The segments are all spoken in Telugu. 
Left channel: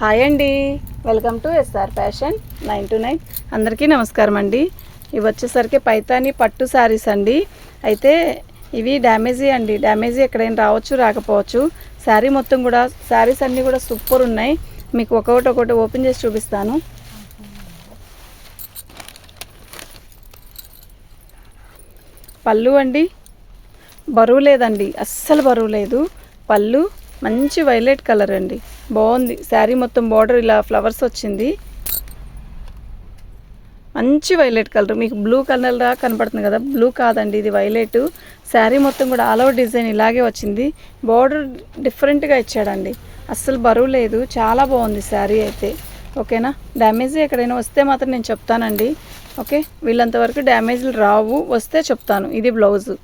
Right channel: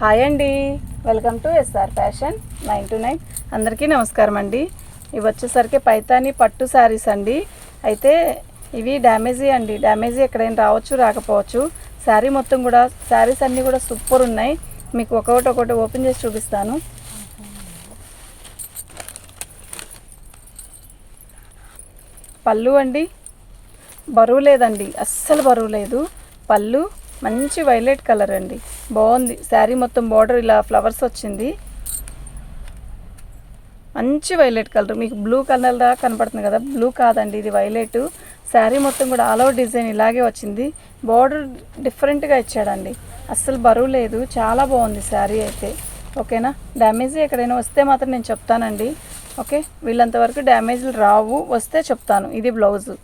హాయ్ అండి, వెల్కమ్ టు ఎస్ఆర్ ఫ్యాషన్ 929. అందరికీ నమస్కారం అండి. ఇవి వచ్చేసరికి పైతాని పట్టు శారీస్ అండి. అయితే ఇవి డ్యామేజీ అండి, డ్యామేజీ ఎక్కడైనా రావచ్చు రాకపోవచ్చు. శారీ మొత్తం కూడా శారీస్ అన్నీ కూడా సూపర్ ఉన్నాయి. మీకు ఒకటి ఓపెన్ చేసి చూపిస్తాను. పళ్ళు అండి, బరువు లేదండి, అస్సలు బరువు లేదు. పళ్ళు మంచి వైలెట్ కలర్ అండి, బాగుంది. శారీ మొత్తం బార్డర్ ఇలా ఫ్లవర్స్ వచ్చింది, మంచి వైలెట్ కలర్. మీకు బ్లూ కలర్ లా కనపడుతుంది కదా, బ్లూ కాదండి, ఇది వైలెట్. శారీ మొత్తం కూడా ఆల్ ఓవర్ డిజైన్ ఇలాగే వచ్చింది. బార్డర్ డిఫరెంట్గా ఇచ్చాడండి, అస్సలు బరువు లేదు, చాలా బాగుంది శారీ అయితే. ఓకేనా, డ్యామేజ్ ఎక్కడైనా వస్తే మాత్రం నేను చెప్తానండి. ఓకే, వీళ్ళంతవరకు డ్యామేజ్లు రావు, వస్తే చెప్తాను. ఇది బ్లౌజు.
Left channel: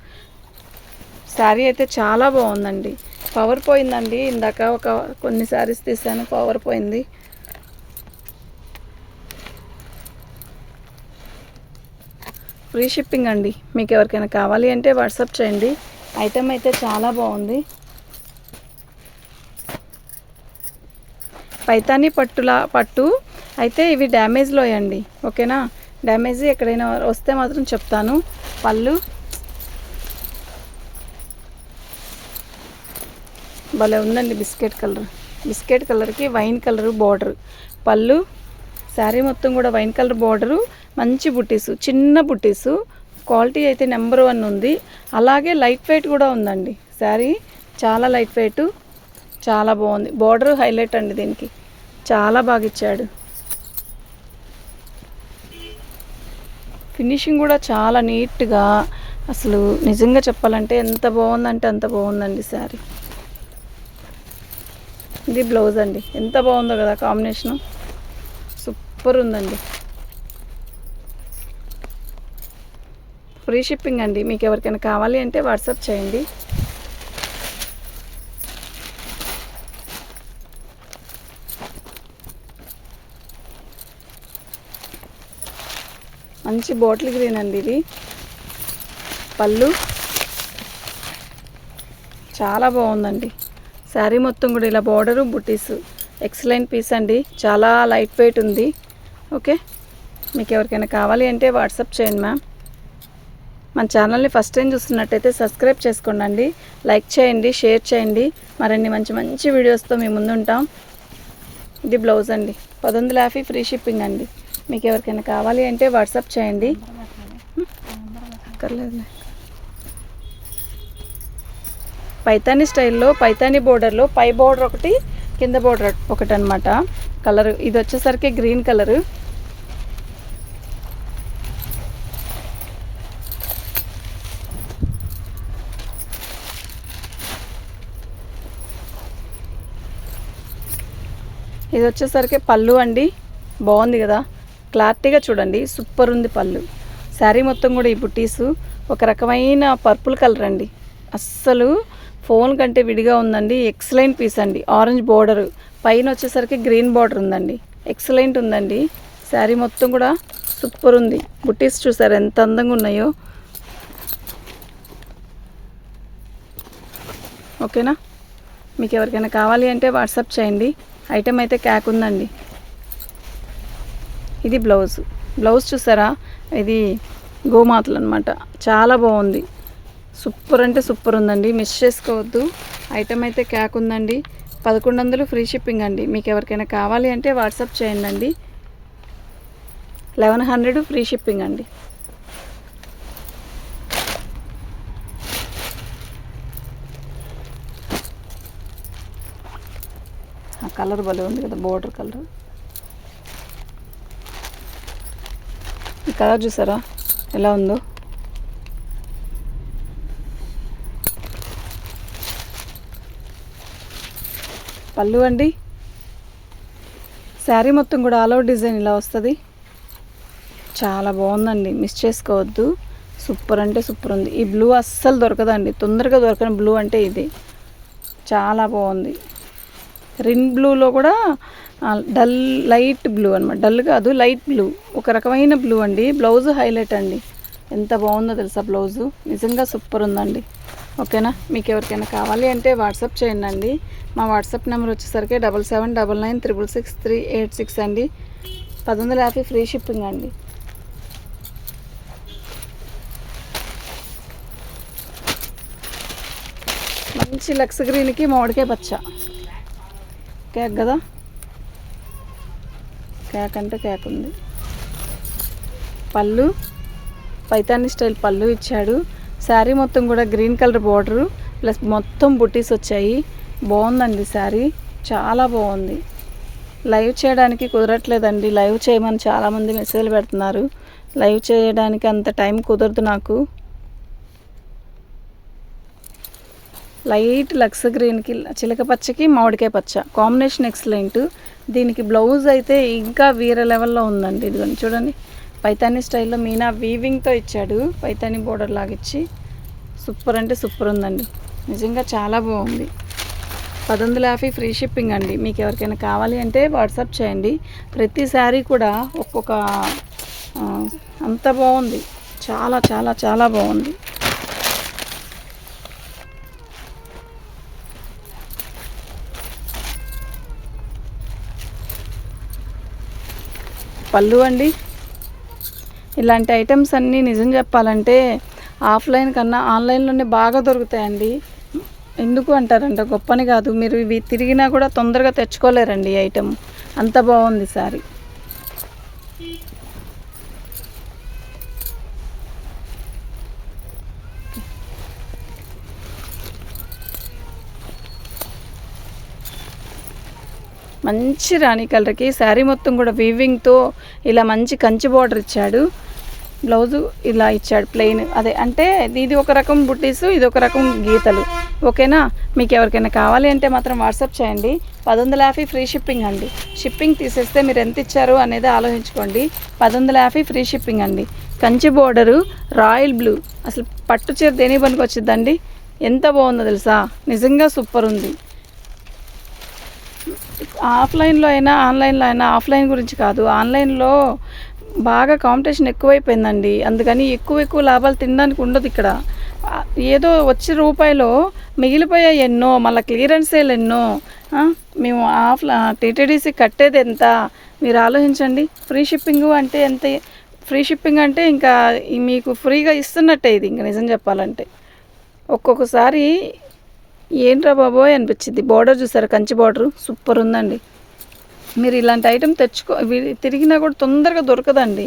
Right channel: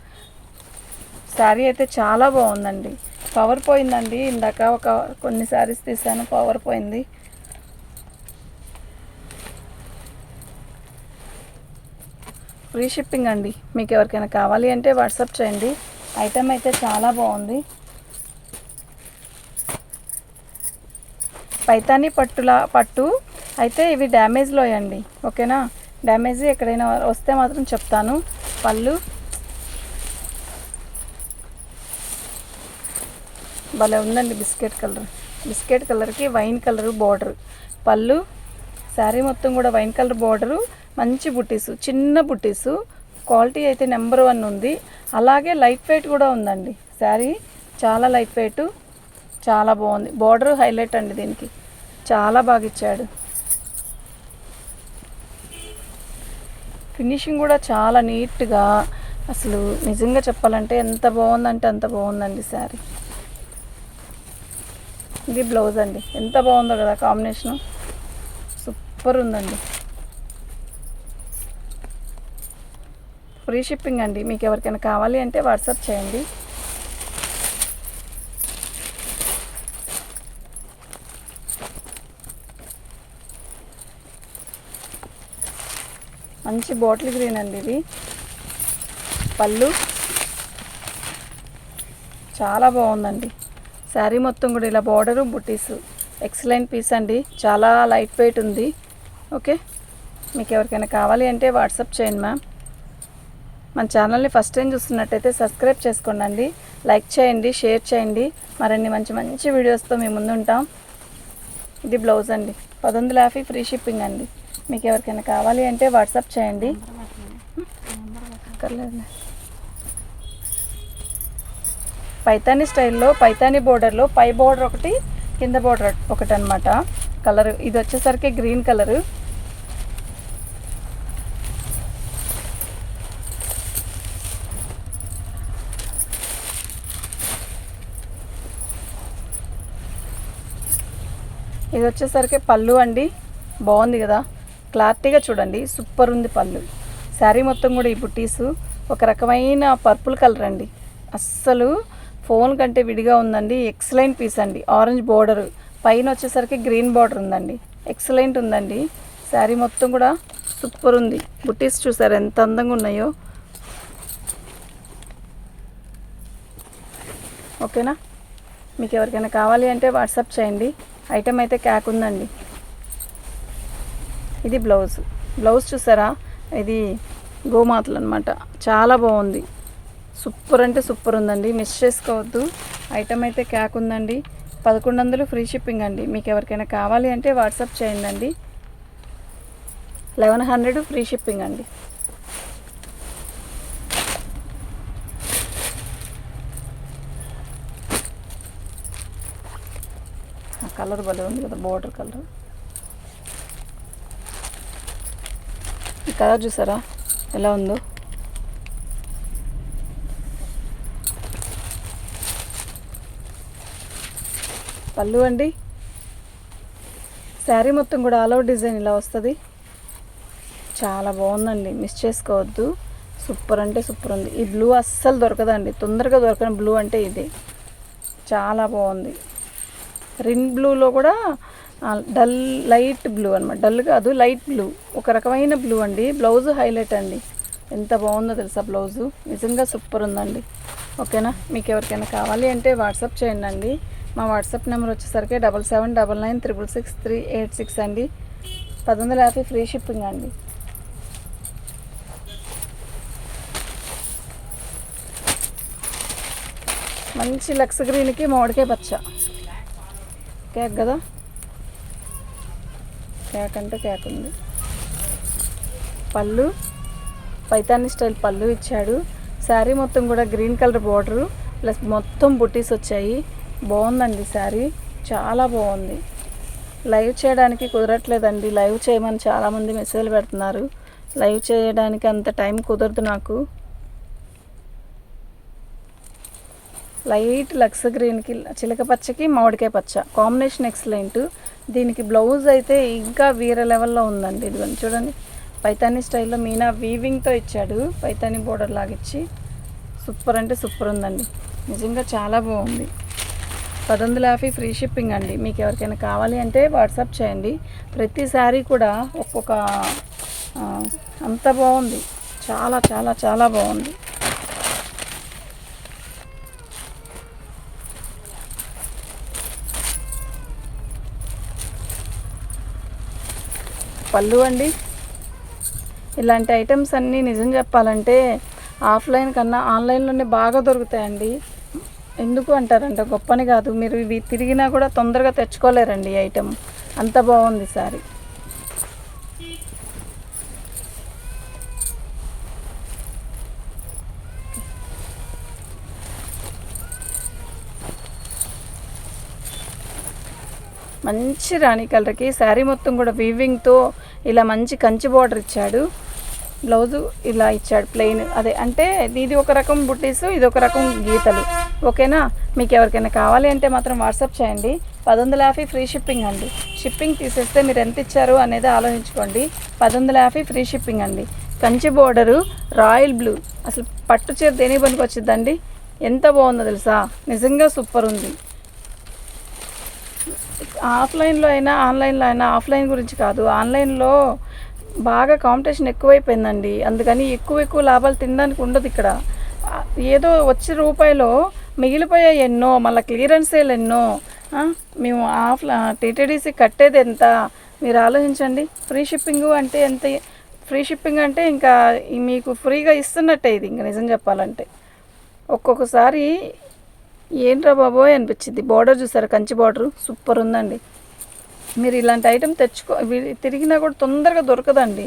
శారీ అయితే చాలా బాగుందండి. పవర్ పోయిందండి, ఇందాక కొన్ని శారీస్ తీసాను, పవర్ పోయింది. ఫ్రీ షిప్పింగ్ అండి. మీకు ఎవరికైనా కావాలి అంటే వాట్సాప్ చేయండి. ఐటమ్ అయితే చాలా బాగుంది. పైతాని పట్టు అయితే ఇవి డ్యామేజ్లో అండి. ఓకేనా, డ్యామేజ్ ఎక్కడైనా వస్తే మాత్రం చెప్తాను. పళ్ళు భలే ఉందండి, బిస్కెట్ కలర్కి వైన్ కలర్ బార్డర్. పళ్ళు, శారీ మొత్తం కూడా వైన్ కలర్ బార్డరు, మంచి బుట్టీసు, చిన్న బుట్టీసు. క్వాలిటీ అయితే నెంబర్ 1 ఉంది. అలాగే లైట్ వెయిట్ కూడా ఉందండి. శారీ చాలా లైట్ వెయిట్, చాలా బాగుంది. బార్డర్ హైలైట్ అండి, దీనికి చాలా బాగా ఇచ్చాడు. ఫినిషింగ్ కూడా చాలా నీట్గా, అసలు నిజంగా చెప్పాలంటే ఎంత బాగుందంటే అంత బాగుందండి శారీ. ఇది బ్లౌజ్ అండి, ఎంత బాగుందో కదా కాంబినేషన్, సూపర్ ఉందండి. ఫ్రీ షిప్పింగ్ అండి. మీకు ఎవరికైనా కావాలి అంటే వాట్సాప్ చేయండి. మంచి బాటిల్ గ్రీన్ అండి ఇది. పళ్ళు చాలా బాగుందండి. శారీ మొత్తం కూడా ఇలా బార్డరు, బుటీస్, ఎక్సలెంట్ పీస్ అండి, చాలా లైట్ వెయిట్ ఉంది. ఓకే, మీకు ఎవరికైనా కావాలి అంటే వాట్సాప్ చేయండి మ్యామ్. మన ఛానల్ని ఫస్ట్ టైం చూస్తున్నట్టయితే సబ్స్క్రైబ్ చేసుకోండి, లైక్ చేయండి, షేర్ చేయండి. మరిన్ని మంచి వీడియోస్తో మేము ముందుంటాం. ఇది బ్లౌజ్ అండి, 1150 ఫ్రీ షిప్పింగ్ అండి. మీకు ఎవరికైనా కావాలి అంటే వాట్సాప్ చేయండి. పైతాని స్టైల్లో, పైతాని బోర్డర్లో పై బోర్డర్ ఒకటి, కింద బోర్డర్ ఒకటి అనమాట. కలర్ ఇది వచ్చేసరికి గ్రీన్ కలరు. ఇది వచ్చేసరికి పళ్ళు అండి, బాగుంది కదా, క్లారిటీగా చూడండి, సూపర్ ఉంది పళ్ళు. శారీ మొత్తం కూడా ఈ బుట్టీసు ఒక రకమైన పర్పుల్ కలర్ అండి, అస్సలు ఫోన్ కంటే విడిగా ఉందండి. ఎక్సలెంట్ పీస్ అండి. ఆరెంజ్ బోర్డరు, పైన వచ్చేసరికి గ్రీన్ బార్డర్ ఉందండి, ఎక్సలెంట్ ఉందండి. శారీ మొత్తం కూడా సూపర్ ఉంది. బుట్టీస్ చూసారు ఎంత అందంగా ఉన్నాయో. ఓకేనా, మీకు ఎవరికైనా కావాలి అంటే వాట్సాప్ చేయండి. ఐటమ్ అయితే క్యాక్ ఉందండి. ఇది బ్లౌజ్ చూసారా, ఇది గోమాతలు అనమాట, చాలా బాగుంది. సూపర్ అంటే సూపర్ ఉందండి, మిస్ చేసుకోవద్దు. ఐటమ్ అయితే క్యాక్ ఉందండి. 1100 ఫ్రీ షిప్పింగ్ అండి. మీకు ఎవరికైనా కావాలి అంటే వాట్సాప్ చేయండి అండి. 1100 ఫ్రీ షిప్పింగ్ అండి. కలర్ భలే ఉంది కదా, బోర్డర్ కలర్. ఈ కలర్ చూసారా ఎలా ఉందో. పళ్ళు అండి, శారీ మొత్తం కూడా ఆల్ ఓవర్ డిజైన్ ఇలా వస్తుంది, చాలా బాగుందండి, మిస్ చేసుకోవద్దు. సూపర్ అంటే సూపర్ ఉంది. ఈ బ్లూ అస్సలు దొరకదండి, తొందరగా దొరకని బ్లూ అంటే ఇది, చాలా బాగుంది. రిన్ బ్లూలో కూడా డల్ లైట్ బ్లూ అనమాట, డల్ కాదు లైట్ బ్లూ, ఒక రకమైన బ్లూ అండి. బ్లౌజ్ హైలైట్ అండి, ఎంత బాగుందో తెలుసా బ్లౌజు, నిజంగా సూపర్ ఉందండి. ఓకేనా, మీకు ఎవరికైనా కావాలి అంటే వాట్సాప్ చేయండి అండి. మా వాట్సాప్ నెంబర్ వచ్చేసరికి 7799966386 అండి. 1150 ఫ్రీ షిప్పింగ్ అండి. మంచి లక్స్ గ్రీన్కి మామిడికాయ పచ్చ కేక్ కదా, కేక్ అంటే కేక్ ఉంది. పళ్ళు పైతాని స్టైల్ పళ్ళు ఇచ్చాడు. శారీ మొత్తం కూడా గ్రీన్ కలర్ బార్డరు ప్లస్ మొత్తం బుట్టీస్ వచ్చాయి. బాగుందండి శారీ, చాలా బాగుంది. లైవ్ చేయడానికి కుదరట్లేదండి. లైవ్ చేయమని చాలామంది మెసేజ్లు పెడుతున్నారు. లైవ్ చేయడానికి అంత టైం కుదరదు నాకు. లైట్ లక్స్ గ్రీన్కి చిలక పచ్చకి మామిడికాయ పచ్చ కాంబినేషన్ ఎక్సలెంట్. దీనికి బ్లౌజ్ అయితే ఇంకా వేరే లెవెల్లో ఉందండి. ఇదిగోండి చూడండి, పైతాని స్టైల్లో మీనా వీవింగ్తో ఇచ్చాడు. పైతాని బోర్డర్ లాగా ఇచ్చి సూపర్ అంటే సూపర్ ఉందండి. నిజంగా చాలా బాగుంది. 1150 ఫ్రీ షిప్పింగ్ అండి. మీకు ఎవరికైనా కావాలి అంటే వాట్సాప్ చేయండి. ప్రతి శారీ కూడా ఒక్కొక్క అంత బాగుంది. చాలా చాలా చాలా బాగుంది. పళ్ళు అండి, ఇలాంటి ఐటమ్స్ అన్నీ నిజం చెప్పాలంటే ఆఫ్లైన్ కన్నా ఆన్లైన్లోనే బాగా దొరుకుతాయండి. ఎందుకు అంటారంటే గొప్పని కాదు, మీరు ఇవి తిరిగినా కూడా తొందరగా తెచ్చుకోలేరండి ఈ ఐటమ్. అంత బాగుంది సారీ. మంచి రాణి కలర్కి శారీ మొత్తం కూడా వీవింగ్తో ఇలా మంచి కంచి బార్డర్ ఇచ్చాడు. బ్లౌజు ఇలా ఇచ్చాడు ప్లెయిన్. అదే అంటే ఇది ఒక రకం బుట్టీసు, ఇది ఒక రకం గీతలు. ఓకేనా, మీకు ఎవరికైనా కావాలి అంటే మాత్రం వాట్సాప్ చేయండి. 1150 ఫ్రీ షిప్పింగ్ అండి. షిప్పింగ్ తీసేస్తే మీరు ఎంత ఇచ్చారు అనేది ఆలోచించుకోండి. 1150 ఫ్రీ షిప్పింగ్ అండి. కంచి బోర్డరు, రాయల్ బ్లూ, అసలు పట్టు చీర దేని పనికి వచ్చిందండి. ఎంత బాగుందో తెలుసా, నిజంగా సూపర్ ఉంది. ఆఫ్లైన్లో అయినా ఆన్లైన్లో అయినా, ఆఫ్లైన్ గురించి కాదు, ఆన్లైన్లో బాగా కాంపిటీషన్ ఎక్కువైపోయిందండి. అందుకని ఎక్కువ లాభాలు తినడానికి ఉండదు ఇక్కడ. ఏదో వచ్చే రూపాయలో మిగిలిపోయాయి ఎన్నో, మళ్ళీ క్లియరెన్స్ సేల్ ఎన్నో. మేము టీటీడీసీ కట్టేది ఎంత మీరు ఆలోచించండి. ఫ్రీ షిప్పింగ్ అంటే ఎంత, ఫ్రీ షిప్పింగ్ అంటే ఇంకా మీకు ఫ్రీగా ఇస్తున్నట్టే ఇది. ఇంకా నిజం చెప్పాలంటే ఒక్కొక్కసారి ఏంట్రా బాబోయ్ అనిపించింది. బార్డర్ చూసారా, కంచి బార్డరు సూపర్ ఉందండి. మీరు ఇలాంటి ఐటెం తిరిగినా కూడా తొందరగా దొరకదండి.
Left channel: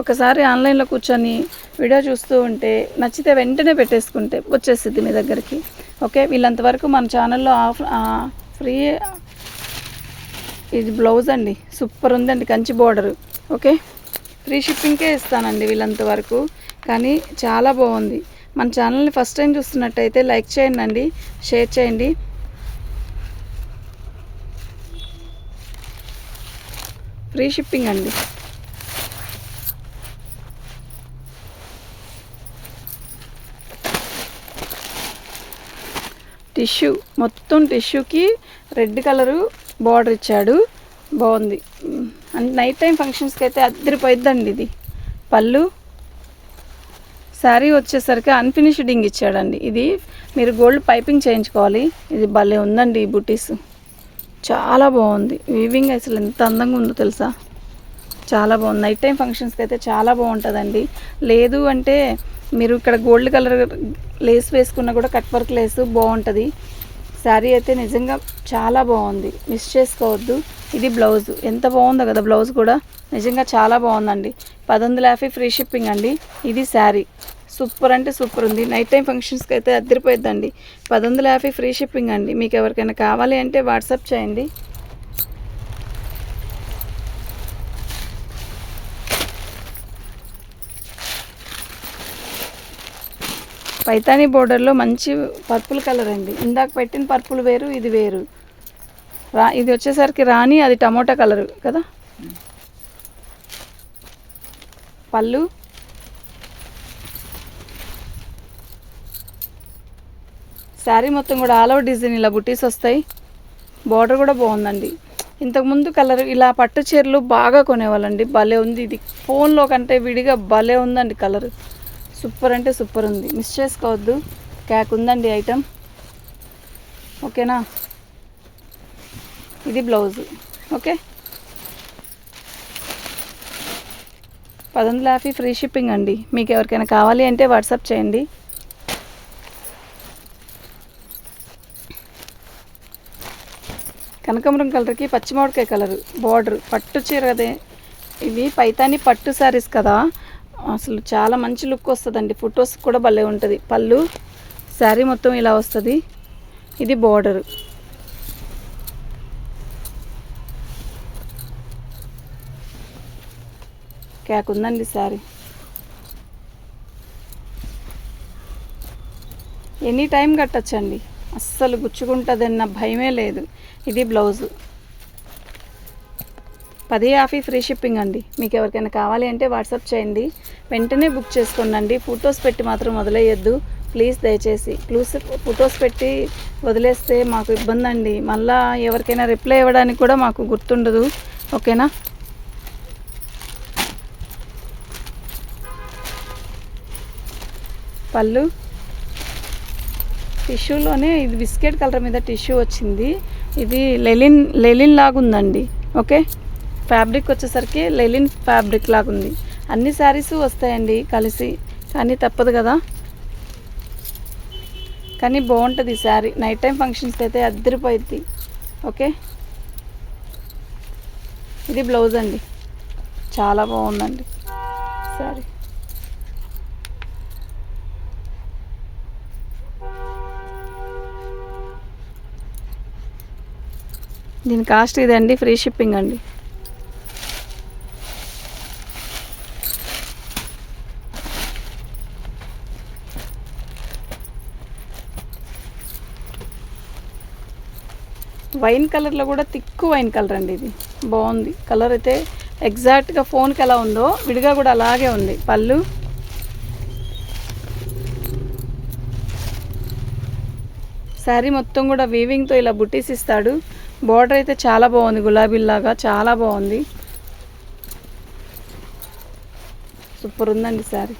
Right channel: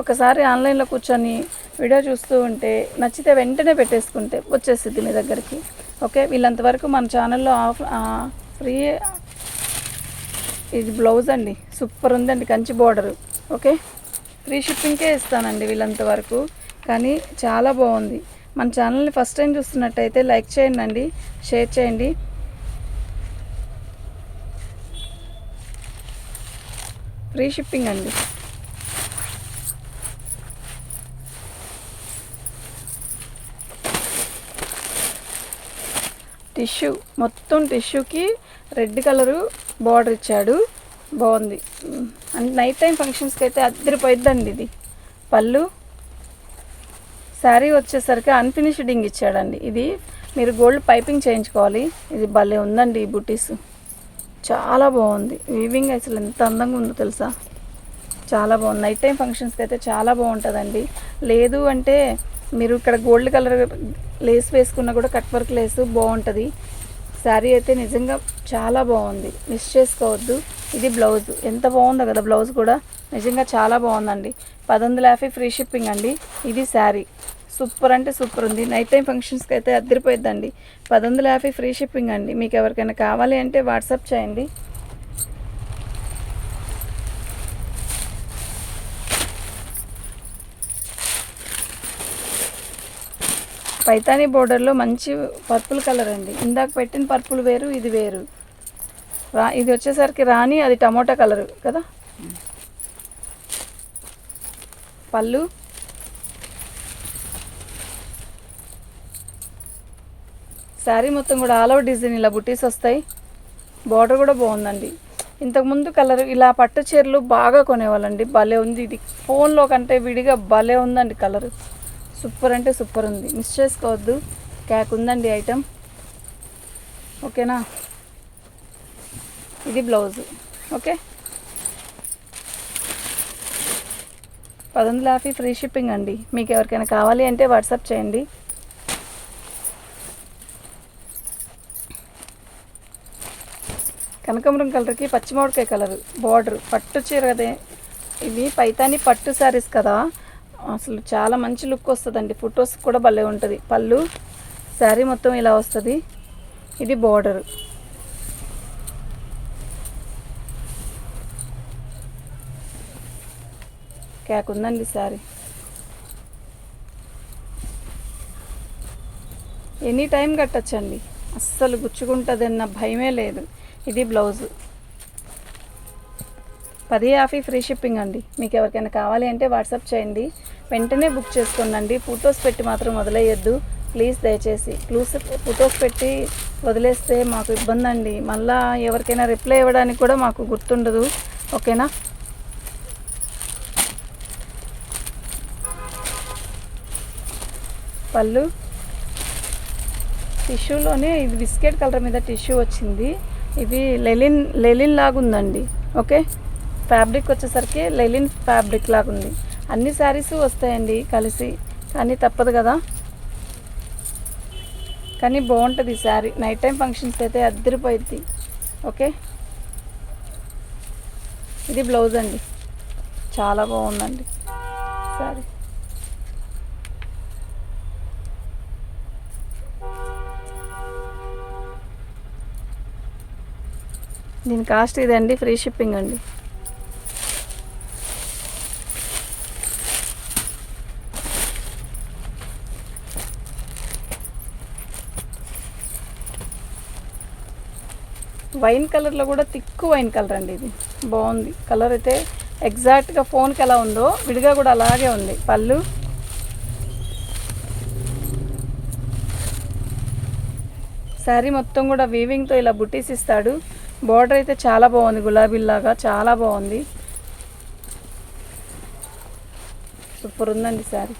ఒకసారి ఆన్లైన్లో కూర్చొని వీడియో చూస్తూ ఉంటే నచ్చితే వెంటనే పెట్టేసుకుంటే వచ్చేస్తుంది మీ దగ్గరికి. ఓకే, వీళ్ళంతవరకు మన ఛానల్లో ఫ్రీ. ఇది బ్లౌజ్ అండి, సూపర్ ఉందండి, కంచి బార్డరు. ఓకే, ఫ్రీ షిప్పింగ్కే ఇస్తానండి వీళ్ళంతవరకు, కానీ చాలా బాగుంది. మన ఛానల్ని ఫస్ట్ టైం చూస్తున్నట్టయితే లైక్ చేయండి అండి, షేర్ చేయండి. ఫ్రీ షిప్పింగ్ అండి. టిష్యూ మొత్తం టిష్యూకి రెడ్ కలరు బార్డర్ ఇచ్చాడు. బాగుంది. అండ్ నైట్ టైం ఫంక్షన్స్కి అయితే అద్దరిపోయిద్దండి ఇది. పళ్ళు శారీ వచ్చేసరికి అన్ఫినిషింగ్ ఇచ్చాడండి. ఇది మీరు గోల్డ్ పైపింగ్ చేయించుకోవాలి. ఇది భలే ఉందండి. ఈ బుటీస్ చాలా బాగుంది. వీవింగ్ అసలు ఎంత అందంగా ఉందో తెలుసా, చాలా బాగుంది. నైట్ టైం ఫంక్షన్స్కి అయితే చాలా బాగుంటుందండి. లేదు అంటే మీరు ఇక్కడ గోల్డ్ కలర్ లేస్ వేసుకున్నా కూడా కట్ వర్క్ లేసు బాగుంటుంది. శారీ అయితే నిజంగా చాలా బాగుంది, మిస్ చేసుకోవద్దు. ఇది బ్లౌజ్, ఎంత బాగుందో కదా బ్లౌజ్ కూడా, నిజంగా చాలా బాగుందండి. 1150 ఫ్రీ షిప్పింగ్ అండి. ఇది శారీ సూపర్ అంటే సూపర్ ఉంది. నైట్ టైం ఫంక్షన్స్కి అయితే అద్దరిపోయిద్దండి. 1150 ఫ్రీ షిప్పింగ్ అండి. మీకు ఎవరికైనా కావాలి అంటే వాట్సాప్ చేయండి. పైతానీ బోర్డర్లో మంచి పర్పుల్ కలర్ అండి. ఇందాక పెట్టిన పర్పుల్ వేరు, ఇది వేరు. ఇది వచ్చేసరికి రాణి, అది టమోటా కలరు కదా. పళ్ళు శారీ మొత్తం కూడా ఆల్ ఓవర్ డిజైన్ ఇలా బుటీస్ వస్తాయి. బార్డర్ కూడా బాగుందండి. ఇంతకుముందు కలర్ ఇలా పట్టు చీరలు బాగా కొనేవాళ్ళండి. భలే ఉంది. ఇది ఫోన్లో కంటే విడిగా భలే ఉందండి. కలర్ సూపర్ అంటే సూపర్ ఉంది, మిస్ చేసుకోవద్దు. క్యాక్ ఉందండి ఐటమ్. ఓకేనా. ఇది బ్లౌజు. ఓకే, 1150 ఫ్రీ షిప్పింగ్ అండి. మీకు ఎవరికైనా కావాలి అంటే వాట్సాప్ చేయండి. కనకాంబరం కలర్కి పచ్చిమిరపకాయ కలరు బార్డర్, పట్టు చీర కదే. ఇవి పైతాని పట్టు శారీస్ కదా, అసలు చాలా మంచి లుక్ వస్తుందండి. ఫొటోస్ కూడా భలే ఉంటుంది. పళ్ళు, శారీ మొత్తం ఇలా వస్తుంది. ఇది బార్డరు. క్యాక్ ఉందండి శారీ. ఎనీ టైం కట్టచ్చండి, అస్సలు గుచ్చుకుంటుందన్న భయమే లేదు. ఇది బ్లౌజు. 1050 ఫ్రీ షిప్పింగ్ అండి. మీకు ఎవరికైనా కావాలి అంటే వాట్సాప్ చేయండి, వెంటనే బుక్ చేసుకోండి. ఫొటోస్ పెట్టి మాత్రం వదిలేయద్దు ప్లీజ్, దయచేసి. ఫొటోస్ పెట్టి వదిలేస్తే మాకు ఇబ్బంది అండి. మళ్ళీ ఎవరికైనా రిప్లై ఇవ్వడానికి కూడా మాకు గుర్తుండదు. ఓకేనా? పళ్ళు టిష్యూలోనే, ఇది బిస్కెట్ కలర్ మీద టిష్యూ వచ్చింది. ఇది లెలిన్ లాగా ఉందండి. ఓకే, ఫ్యాబ్రిక్ వచ్చేసరికి లెలిన్ ఫ్యాబ్రిక్ లాగా ఉంది. అన్ని శారీస్ వస్తాయండి కలిసి, కానీ తప్పదు కదా. కానీ బాగుంటుంది ఈ శారీ, నైట్ టైం ఫంక్షన్స్కి అయితే అద్దరిపోయిద్ది. ఓకే, ఇది బ్లౌజ్ అండి, చాలా బాగుందండి శారీ. దీని కాస్ట్ ఇదండి, ఫ్రీ షిప్పింగ్ అండి. వైన్ కలర్లో కూడా థిక్ వైన్ కలర్ అండి. ఇది బాగుంది కలర్ అయితే, ఎగ్జాక్ట్గా ఫోన్కి ఎలా ఉందో విడిగా కూడా అలాగే ఉంది. పళ్ళు, శారీ మొత్తం కూడా వీవింగ్తో ఇలా బుటీస్ ఇస్తాడు. బోర్డర్ అయితే చాలా బాగుంది, గులాబీలాగా చాలా బాగుంది. సూపర్ ఉందండి శారీ.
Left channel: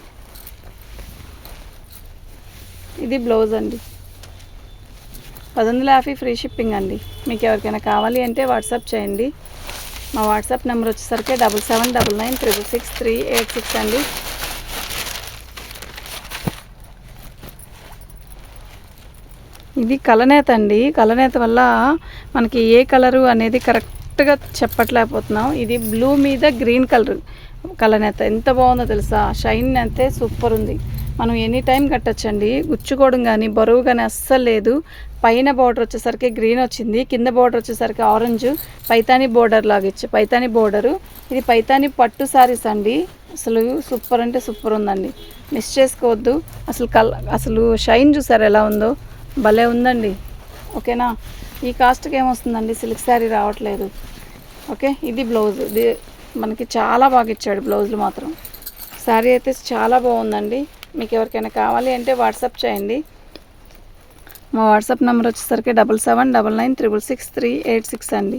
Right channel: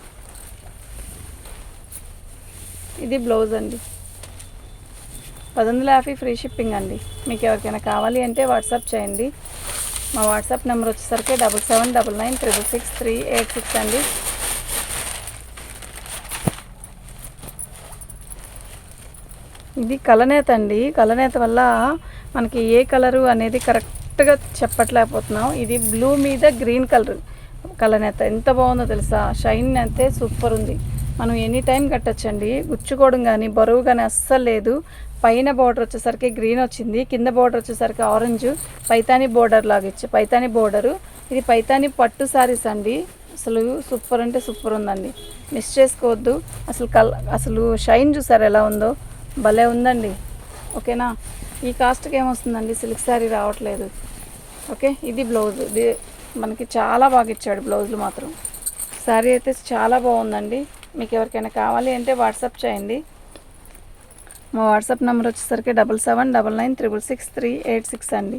ఇది బ్లౌజ్ అండి. 1150 ఫ్రీ షిప్పింగ్ అండి. మీకు ఎవరికైనా కావాలి అంటే వాట్సాప్ చేయండి. మా వాట్సాప్ నెంబర్ వచ్చేసరికి 7799666386 అండి. ఇది కలనేత అండి. కలనేత వల్ల మనకి ఏ కలరు అనేది కరెక్ట్గా చెప్పట్లేకపోతున్నాం. ఇది బ్లూ మీద గ్రీన్ కలర్ కలనేత ఎంత బాగుందో తెలుసా. షైన్ అయితే సూపర్ ఉంది. మనం ఎనీ టైం కట్టచ్చండి. గుచ్చుకోవడం కానీ బరువు కానీ అస్సలు లేదు. పైన బోర్డర్ వచ్చేసరికి గ్రీన్ వచ్చింది, కింద బోర్డర్ వచ్చేసరికి ఆరెంజ్ పైతాని బోర్డర్ లాగా ఇచ్చి పైతాని బోర్డరు. ఇది పైతాని పట్టు శారీస్ అండి. అసలు సూపర్ అంటే సూపర్ ఉందండి, మిస్ చేసుకోవద్దు. అసలు షైన్ చూసారు ఎలా ఉందో, భలే ఉందండి. ఓకేనా? ఈ కాస్ట్కి ఏమొస్తుందండి, సిల్క్ శారీ రావట్లేదు. ఓకే, ఇది బ్లౌజ్. ఇది మనకి చాలా బాగా ఇచ్చాడు బ్లౌజులు మాత్రం. శారీ అయితే చాలా బాగుందండి. మీకు ఎవరికైనా కావాలి అంటే వాట్సాప్ చేయండి. మా వాట్సాప్ నెంబర్ వచ్చేసరికి 7799666386 అండి.